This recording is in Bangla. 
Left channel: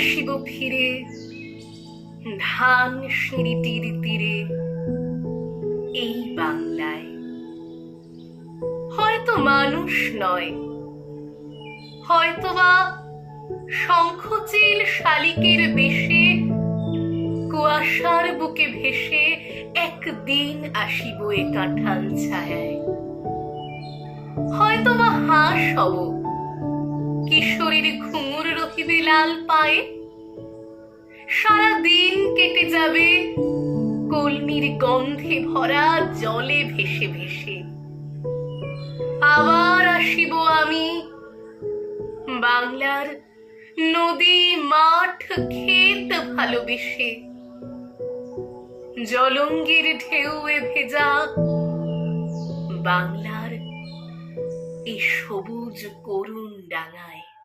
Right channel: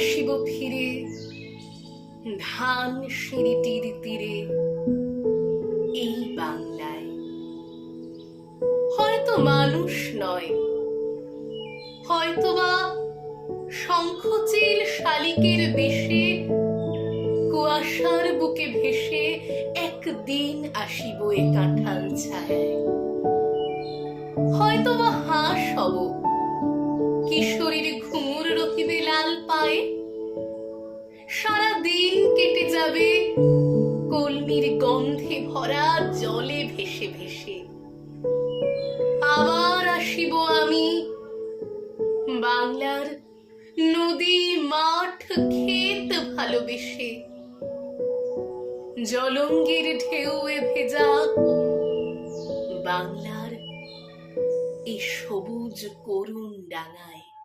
আসিব ফিরে ধান সিঁড়িটির তীরে এই বাংলায়। হয়তো মানুষ নয়, হয়তোবা শঙ্খচিল শালিকের বেশে কুয়াশার বুকে ভেসে একদিন আসিব এ কাঁঠাল ছায়ায়। হয়তোবা হাঁস হব, কিশোরীর ঘুঙুর রহিবে লাল পায়ে। সারা দিন কেটে যাবে কলমির গন্ধে ভরা জলে ভেসে ভেসে। আবার আসিব আমি বাংলার নদী মাঠ ক্ষেত ভালোবেসে। জলঙ্গির ঢেউয়ে ভেজা বাংলার এই সবুজ করুণ ডাঙায়।